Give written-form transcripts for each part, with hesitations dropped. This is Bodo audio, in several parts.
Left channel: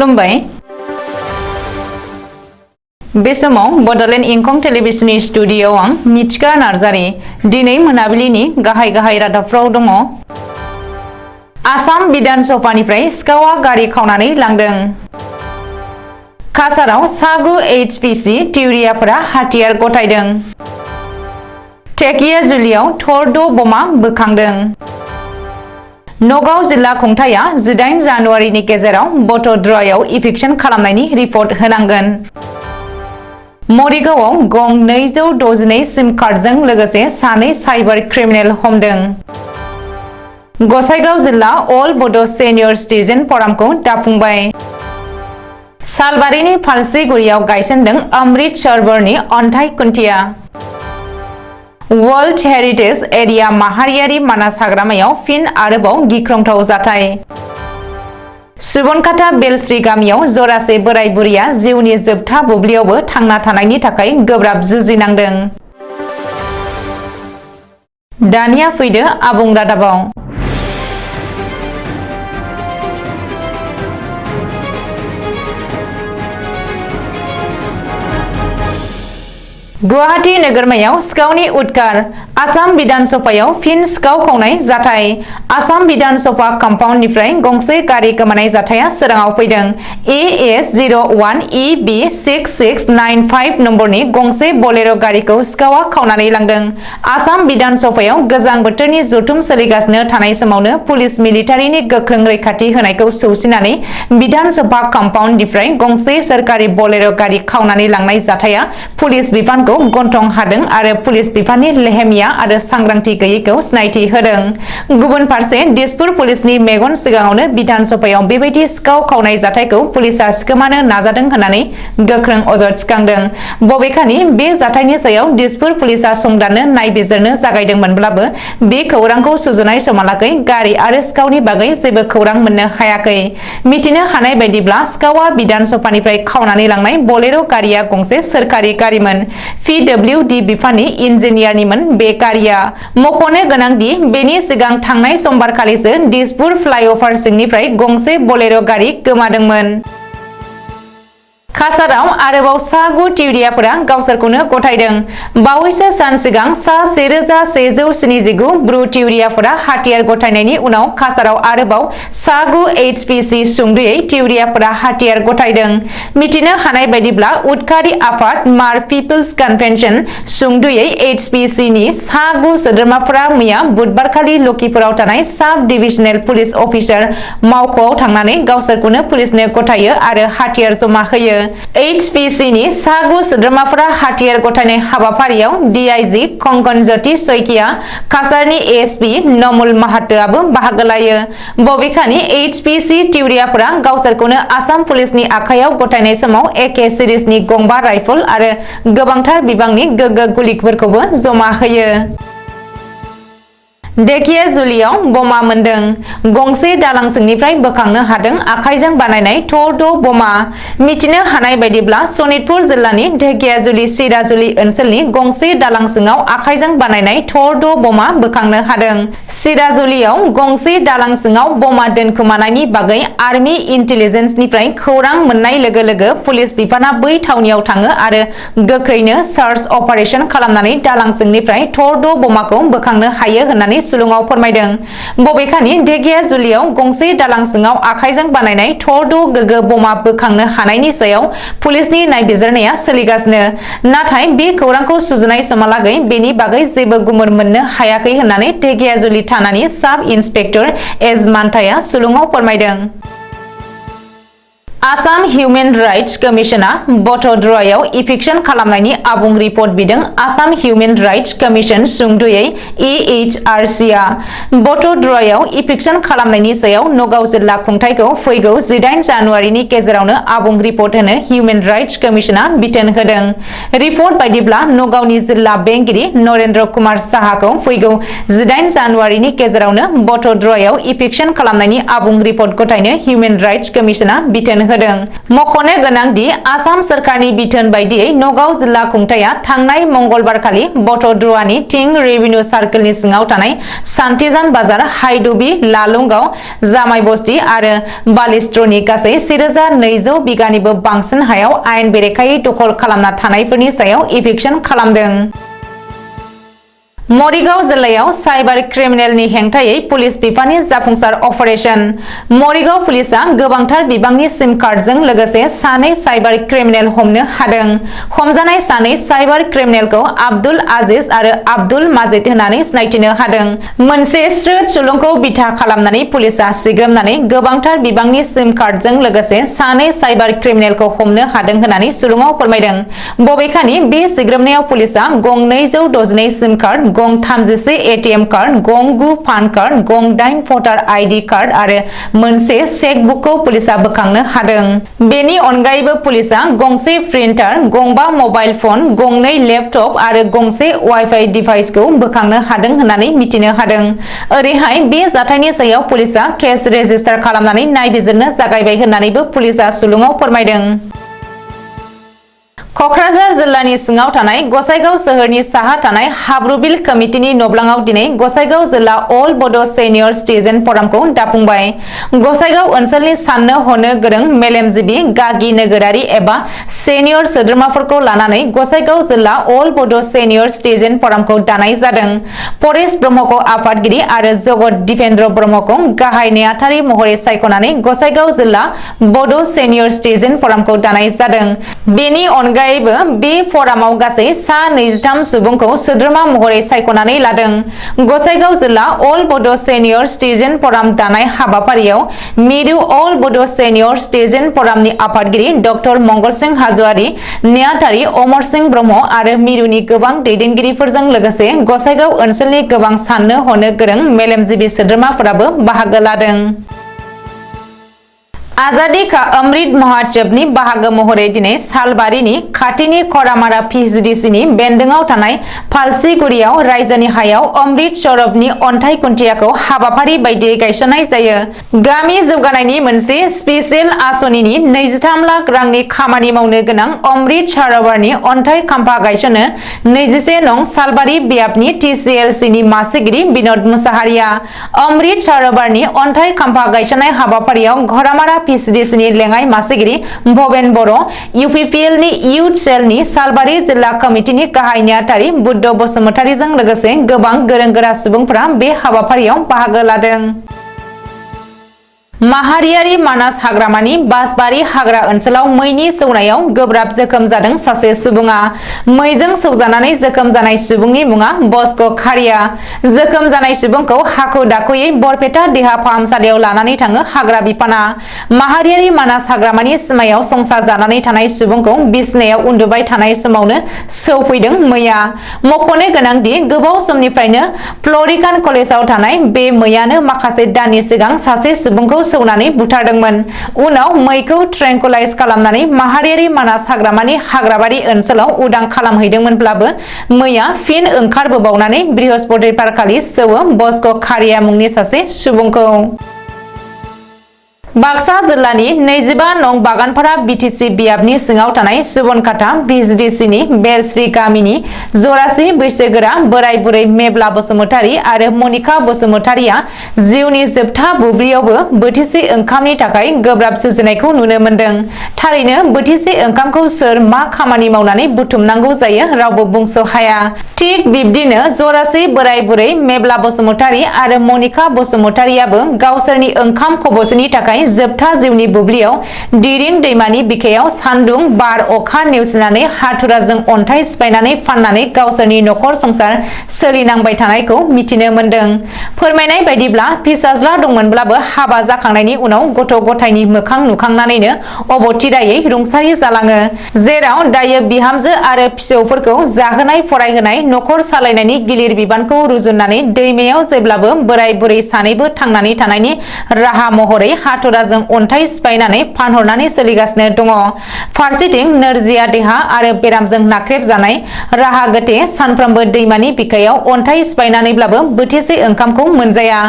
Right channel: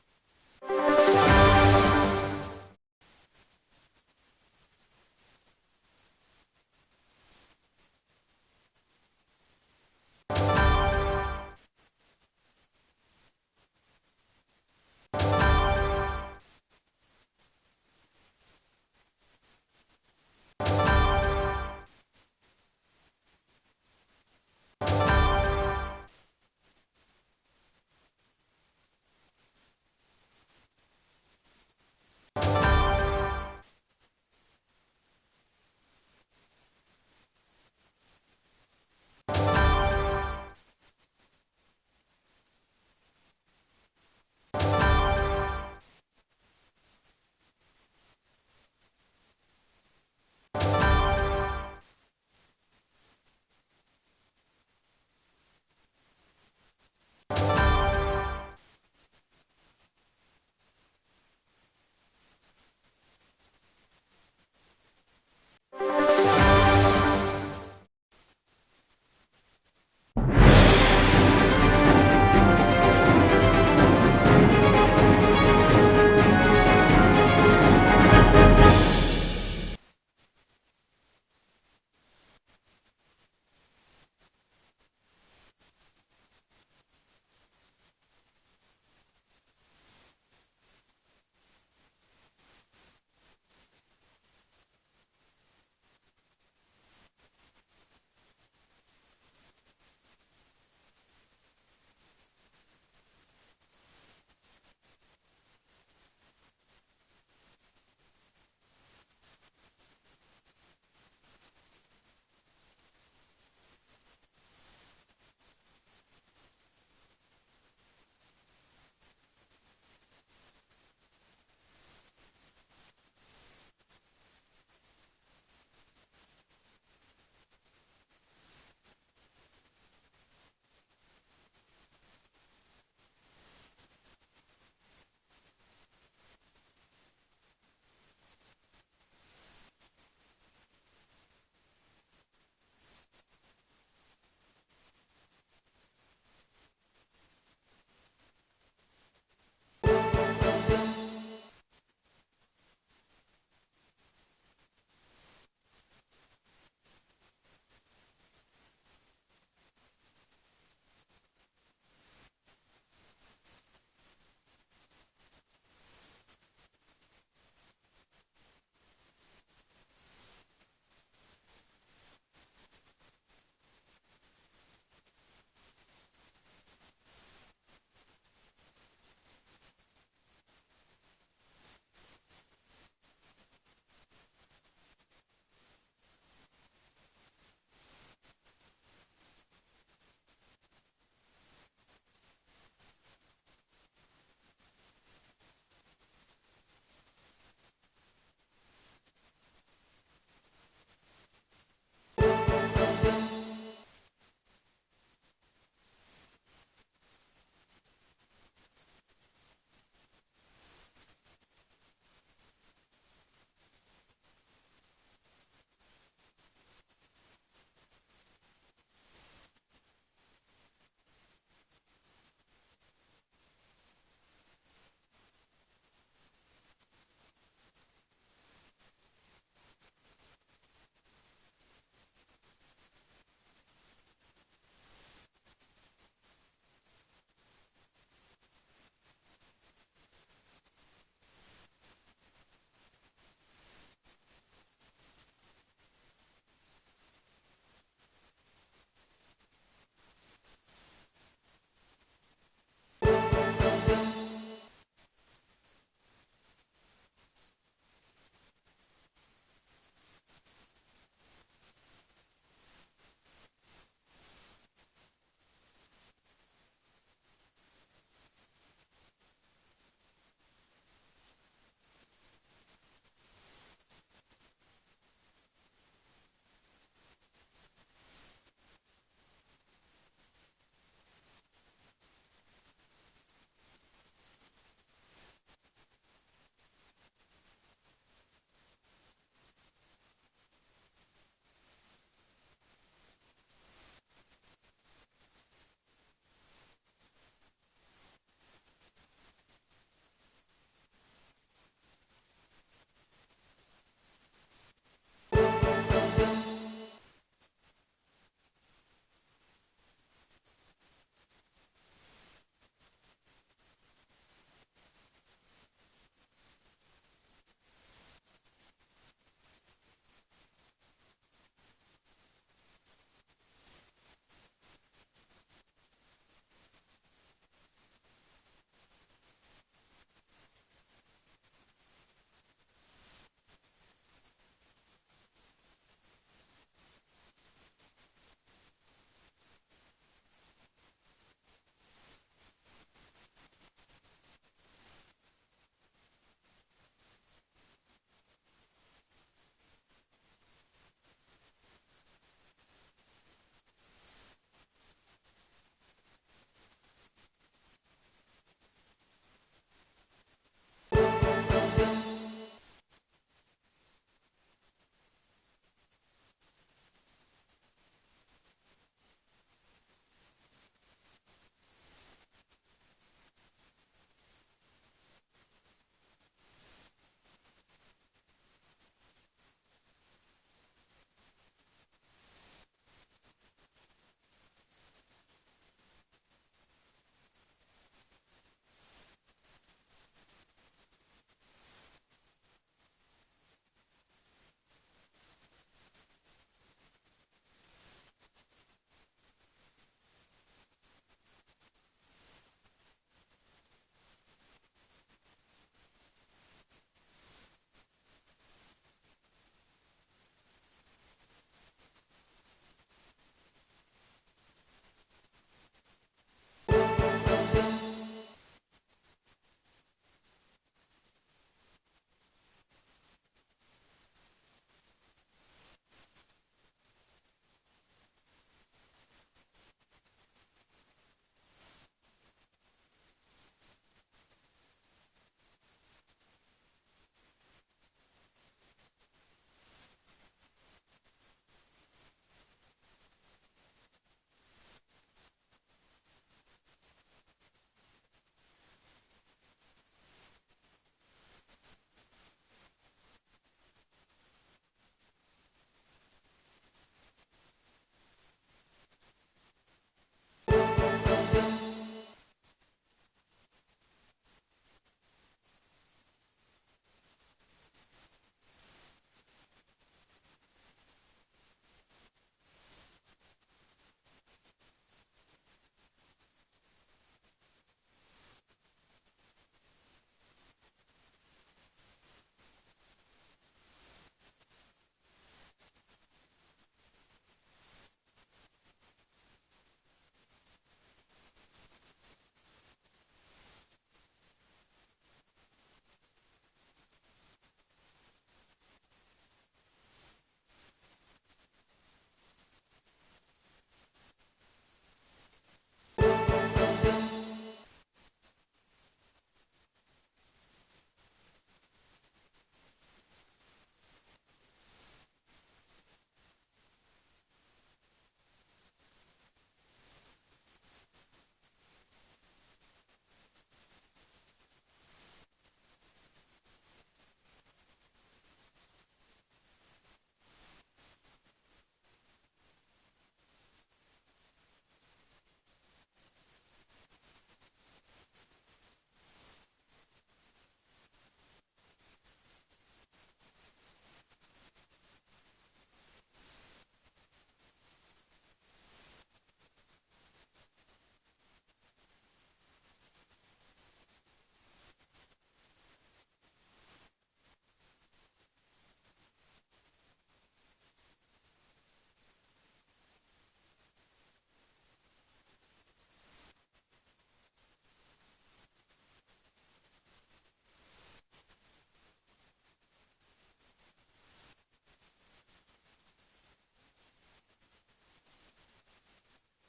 खुलुमबाय बे समाव बडलेण्ड इंखं टेलिभिजननि स्टुडियोआव आं मिथिका नार्जारी दिनै मोनाबिलिनि गाहाय रादाबफ्राव दङ। आसाम बिधान सभानिफ्राय सिखावा गारि खावनानै लांदों। काछाराव सा 9 HPC टिउरियाफोरा हाथियार गथायदों। धेकियाजुलियाव थर्द बमा बोखांदों। नगाव जिल्ला खुंथाया 18 जानुवारिनि गेजेराव बटद्रयाव इभिक्सन खालामनायनि रिपर्ट होनांगोन। मरिगावआव गं 262 सिम कार्डजों लोगोसे सानै साइबार क्रिमिनेल हमदों। गसाइगाव जिल्ला अल बड सेनियर सिटिजेन फरामखौ दाफुंबाय। सालबारिनि फालसिगुरियाव गायसनदों अमृत सरोवरनि अन्थाइ खुन्थिया। वर्ल्ड हेरिटेज एरिया माहारियारि मानास हाग्रामायाव फिन आरोबाव गिख्रंथाव जाथाय। सुबनखाता बेलस्रि गामियाव जरासे बोराय बुरैया जिउनि जोबथा बुब्लियावबो थांना थानायनि थाखाय गोब्राब जुजिनांदों। दानिया फैदो आबुं रादाबाव। गुवाहाटी नोगोरमायाव सिखावनि उदखार। आसाम बिधान सभायाव फिन सिखाव खावनाय जाथाय। आसाम बिधान सभा कम्पाउन्डनिफ्राय गंसे गारि गोमानाय जाथाया सोराङाव फैदों। AS01EB6695 नम्बरनि गंसे बोलेरो गारिखौ सिखावा खावनानै लांदों। आसाम बिधान सभायाव गोजां बोथोरनि जथुम सोलिगासिनो थानाय समावनो पुलिस मिलिटारिनि गोख्रों रैखाथि होनायखौ सौसिनानै बिधान सभा कम्पाउन्डनिफ्राय गंसे सोरखारि बोलेरो गारि खावनानै लांनाय जाथाया पुलिस बिफानखौ गन्थं हादों आरो पुलिस बिफाननि लेहेमिया आरो सांग्रांथि गैयैखौ सिनायथि होदों। गुबुन फारसे दिसपुर पुलिसनि मेगन सिगाङावनो बिधान सभायाव बेबायदि सिखाव खावनाय जाथायखौ पुलिसा सिखोमानो नाजादों होननानै गोख्रों अजद थिखांदों। बबेखानि बे जाथायनि सायाव दिसपुर पुलिसा संदाननो नायबिजिरनो जागायदोंमोनब्लाबो बे खौरांखौ सुजुनाय समहालागै गारि आरो सिखावनि बागै जेबो खौरां मोननो हायाखै। मिथिनो हानाय बायदिब्ला सिखावा बिधान सभानिफ्राय खावनानै लांनाय बोलेरो गारिया गंसे सोरखारि गारिमोन। PWD बिफाननि इन्जिनियारनिमोन बे गारिया। मख'नो गोनांदि बेनि सिगां थांनाय समबारखालिसो दिसपुर फ्लाइअभार सिंनिफ्राय गंसे बोलेरो गारि गोमादोंमोन। काछाराव आरोबाव सा 9 टिउरियाफोरा गावसोरखौनो गथायदों। बावैसो सान सिगां सा 1179 ब्रु टिउरियाफोरा हाथियार गथायनायनि उनाव काछाराव आरोबाव सा 9 HPC सुंदयै टिउरियाफोरा हाथियार गथायदों। मिथिनो हानाय बायदिब्ला उदखारि आफाद मार पिपल्स कन्भेन्सन सुंदयै HPC नि सा 9 सोद्रोमाफोरा मैया बुधबारखालि लखिपुराव थानाय साब डिभिजनेल पुलिस अफिसार मावख'आव थांनानै गावसोरखौनो पुलिसनो गथायो आरो हाथियार जमा होयो। HPC नि सा 9 सोद्रोमाफोरा हाथियार गथायनाय हाबाफारियाव DIG कंकन ज्योति सैकिया, काछारनि ASP नमुल माहातोआबो बाहागो लायो। बबेखानि HPC टिउरियाफोरा गावसोरखौनो आसाम पुलिसनि आखायाव गथायनाय समाव AK सिरिजनि गंबा राइफल आरो गोबांथार बिबांनि गोगो गुलिफोरखौबो जमा होयो। धेकियाजुलियाव बमा मोनदों। गंसे दालां सिंनिफ्राय बोखांनो हादों आखाइजों बानायनाय थर्द बमा। मिथिनो हानाय बायदिब्ला सनितपुर जिल्लानि धेकियाजुलि सिराजुलि ओनसोलनि गंसे दालां सिङाव आखाइजों बानायनाय थर्द बमा बोखांनो हादों। सिराजुलियाव गंसे दालां सिङाव बमा दोनखोमानायनि बागै आर्मि इन्टेलिजेन्सनिफ्राय खौरां मोननाय लोगो लोगो पुलिस बिफाना बै थावनियाव थाङो आरो गोख्रैनो सार्च अपारेशन खालामनानै दालां सिंनिफ्राय थर्द बमाखौ बोखांनो हायो होननानै सुलुङाव फोरमायदों। बबेखानि धेकियाजुलियाव गंसे दालां सिङाव आखाइजों बानायनाय थर्द गोगो बमा बोखांनो हानायनि सायाव पुलिसनि नायबिजिरनाया सोलिगासिनो। नाथाय बे खौरांखौ सुजुनाय समहालागै बेनि बागै जेबो गुमुर मोननो हायाखै होननानै धेकियाजुलि थानानि साब इन्सपेक्टर एस मान्थाया सुलुङाव फोरमायदों। आसाम हिउमेन राइट्स कमिशना बटद्रयाव इभिक्सन खालामनायनि आबुं रिपर्ट बिदों। आसाम हिउमेन राइट्स कमिशन सुंदयै AHRC आ बटद्रयाव इभिक्सन खालामनायनि सायाव नगाव जिल्ला खुंथायखौ फैगौ 18 जानुवारिनि गेजेरावनो आबुं रिपर्ट होनो हिउमेन राइट्स कमिशना बिथोन होदों। रिपर्ट बायदिब्ला नगावनि जिल्ला बेंगिरि नरेन्द्र कुमार साहाखौ फैगौ 18 जानुवारिनि गेजेरावनो बटद्रयाव इभिक्सन खालामनायनि आबुं रिपर्ट गथायनो हिउमेन राइट्स कमिशना बिथोन होदों। मख'नो गोनांदि आसाम सोरखारनि बिथोन बायदियै नगाव जिल्ला खुंथाया थांनाय मंगलबारखालि बटद्रुवानि थिं रेभिनिउ सार्केलनि सिङाव थानाय सान्थिजान बाजार, हाइदुबि, लालुंगाव, जामाय बस्ति आरो बालिस्ट्रनि गासै 1200 बिगानिबो बांसिन हायाव आयेन बेरेखायै दखल खालामना थानायफोरनि सायाव इभिक्सन खालामदों। मरिगाव जिल्लायाव साइबार क्रिमिनेलनि हेंथायै पुलिस बिफाननि जाफुंसार अपारेशन। मरिगाव पुलिसा गोबांथार बिबांनि सिम कार्डजों लोगोसे सानै साइबार क्रिमिनेल हमनो हादों। हमजानाय सानै साइबार क्रिमिनेलखौ आब्दुल आजिज आरो आब्दुल माजिद होननानै सिनायथिनो हादों। मोनसे स्रोद सुलुंखौ बिथा खालामनानै पुलिसा सिग्रोमनानै गोबांथार बिबांनि सिम कार्डजों लोगोसे सानै साइबार क्रिमिनेलखौ हमनो हादों होननानै सुलुङाव फोरमायदों। बबेखानि बे सिग्रोमनायाव पुलिसा गं 262 सिम कार्ड, गं 31 एटीएम कार्ड, गं 9 पान कार्ड, गं 8 भटार आईडी कार्ड आरो मोनसे चेकबुकखौ पुलिसा बोखांनो हादों। बेनि अनगायैबो पुलिसा गंसे प्रिन्टार, गं 5 मबाइल फन, गं 2 लेपटप आरो गंसे वाइफाइ डिभाइसखौ बोखांनो हादों होननानै मिथिनो हादों। ओरैहाय बे जाथायनि सायाव पुलिसा केस रेजिस्टार खालामनानै नायबिजिरनो जागायबाय होननानैबो पुलिसा सुलुङाव फोरमायदों। कक्राझार जिल्लानि सिङाव थानाय गसाइगाव सोहोरनि साहा थानाय हाब्रुबिल कमिटिनि नब्लाङाव दिनै गसाइगाव जिल्ला अल बड' सेनियर सिटिजेन फरामखौ दाफुंबाय। गसाइगाव ओनसोलनि साननो हनो गोरों मेलेमजिबि गागि नोगोरारि एबा सेनियर सोद्रोमाफोरखौ लानानै गसाइगाव जिल्ला अल बड' सेनियर सिटिजेन फरामखौ दानाय जादों। परेश ब्रह्मखौ आफादगिरि आरो जगत दिपेन्द्र ब्रह्मखौ गाहाय नेहाथारि महरै सायख'नानै गसाइगाव जिल्ला बड' सेनियर सिटिजेन फरामखौ दानाय जादों। बेनि अनगायै बे फरामाव गासै सा 23 सुबुंखौ सोद्रोमा महरै सायख'नानै लादों। गसाइगाव जिल्ला अल बड' सेनियर सिटिजेन फराम दानाय हाबाफारियाव मिरु अल बड' सेनियर सिटिजेन फरामनि आफादगिरि डक्टर मंगल सिंह हाज'वारि, नेहाथारि अमर सिंह ब्रह्म आरो मिरुनि गोबां दैदेनगिरिफोरजों लोगोसे गसाइगाव ओनसोलनि गोबां साननो हनो गोरों मेलेमजिबि सोद्रोमाफोराबो बाहागो लादों। आजादी का अमृत महोत्सवनि बाहागो महरै दिनै सालबारिनि खाथिनि खरामारा पिएचडिसिनि बेन्दोंआव थानाय फालसिगुरियाव रायजोनि हायाव अमृत सरोबरनि अन्थाइ खुन्थियाखौ हाबाफारि बायदियै गायसननाय जायो। गामि जौगानायनि मोनसे स्पेशेल आसनिनि 23 लाख रांनि खामानि मावनो गोनां अमृत सरोबरनि अन्थाइ खाम्फा गायसनो 21 नं सालबारि बियाबनि टिसिएलसिनि मासिगिरि बिनोद मुसाहारिया अमृत सरोबरनि अन्थाइ खाम्फा गायसननाय हाबाफारियाव घरामारा पिएचडिसिनि लेङाइ मासिगिरि भबेन बर', इउपिपिएलनि इयुथ सेलनि सालबारि जिल्ला कमिटिनि गाहाय नेहाथारि बुद्ध बसुमतारीजों लोगोसे गोबां गोरों गोरा सुबुंफोरा बे हाबाफारियाव बाहागो लादों। माहारियारि मानास हाग्रामानि बासबारि हाग्रा ओनसोलाव मैनि सौनायाव गोब्राब जोखोम जादों सासे सुबुङा। मैजों सौजानानै जोखोम जानाय सुबुंनि मुङा बस्क' खारिया। जोखोम जानाय सुबुंखौ हाखु दाखुयै बरपेटा देहा फाहामसालियाव लानानै थाङो हाग्रा बिफाना। माहारियारि मानास हाग्रामानि सिमायाव संसार जानानै थानाय सुबुंखौ बिसनायाव उन्दुबाय थानाय समावनो सौफैदों मैया। मख'नो गोनांदि गोबाव समनिफ्रायनो फ्लरिकान कलेजाव थानाय बे मैयानो माखासे दाननि सिगां सासे सुबुंखौ सौनानै बुथारदोंमोन। उनाव मैखौ ट्रेंकुलाइज खालामनानै माहारियारि मानास हाग्रामानि हाग्राबारि ओनसोलाव उदां खालामहैदोंमोनब्लाबो मैया फिन ओंखारबोबावनानै बृहस्पतिबारखालि सौवो बस्क' खारिया मुंनि सासे सुबुंखौ। बाक्सा जिल्लानि 25 नं बागानपारा बिटिसि बियाबनि सिङाव थानाय सुबनखाता पिएचडिसिनि बेलश्री गामिनि जरासि बैसोगोरा बोराय बुरै मेब्ला बसुमतारी आरो मनिका बसुमतारीया जिउनि जोबथा बुब्लियावबो बोथिसे ओंखामनि थाखाय गोब्राब जुजिनायखौ नुनो मोन्दों। थारैनो बोथिसे ओंखामखौ सोर मा खामानि मावनानै बुथुमनांगौ जायो रावबो बुंस' हाया। थिग बिब्दिनो जरासि बोराय बुरै मेब्ला बसुमतारी आरो मनिका बसुमतारीयाबो गावसोरनि ओंखाम खबसेनि थाखाय जोबथा जिउनि बुब्लियाव दिरिं दैमानि बिखायाव सान्दुं बार अखा नेवसिनानै हाथुराजों अन्थाइ सिफायनानै फाननानै गावसोरनि नखर संसार सोलिनांबाय थानायखौ मिथिनो मोन्दों। फोरमायनाय बायदिब्ला फिसाज्ला दंमोनब्लाबो हाबा जाखांनायनि उनाव गथ' गथायनि मोखां नुखांनानैनो अबथिरायै रुंसारि जालाङो। जेराव दायो बिहामजो आरो फिसौफोरखौ जाहोनाय फरायहोनाय नखर सालायनायनि गिलिर बिबानखौ रुजुननानै दैमायाव जेब्लाबो बोराय बुरै सानैबो थांनानै थानायनि राहा महरै हाथुरा हाथुराजों अन्थाइ सिफायनानै फानहरनानै सोलिगासिनो दङ। फारसेथिं नोरजिया देहा आरो बेरामजों नाख्रेबजानाय राहा गोथे सानफ्रोमबो दैमानि बिखायाव अन्थाइ सिफायनानैब्लाबो बोथिसे ओंखामखौ मोनजाया।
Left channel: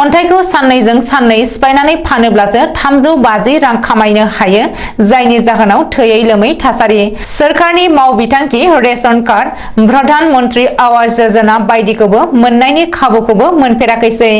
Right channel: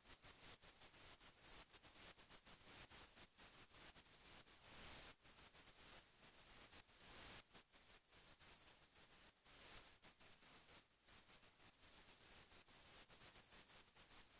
अन्थाइखौ साननैजों साननै सिफायनानै फानोब्लासो 350 रां खामायनो हायो, जायनि जाहोनाव थैयै लोमै थासारि। सोरखारनि मावबिथांखि रेशन कार्ड, प्रधान मन्त्रि आवास योजना बायदिखौबो मोननायनि खाबुखौबो मोनफेराखैसै।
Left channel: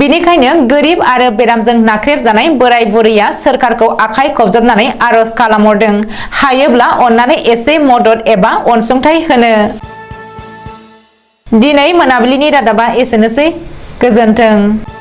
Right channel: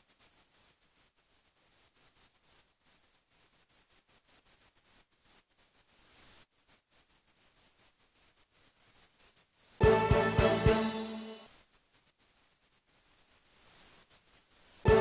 बिनिखायनो गोरिब आरो बेरामजों नाख्रेबजानाय बोराय बुरैया सोरखारखौ आखाइ खबजबनानै आरज खालामहरदों, हायोब्ला अन्नानै एसे मदद एबा अनसुंथाइ होनो। दिनै मोनाबिलिनि रादाबा एसेनोसै। गोजोन्थों।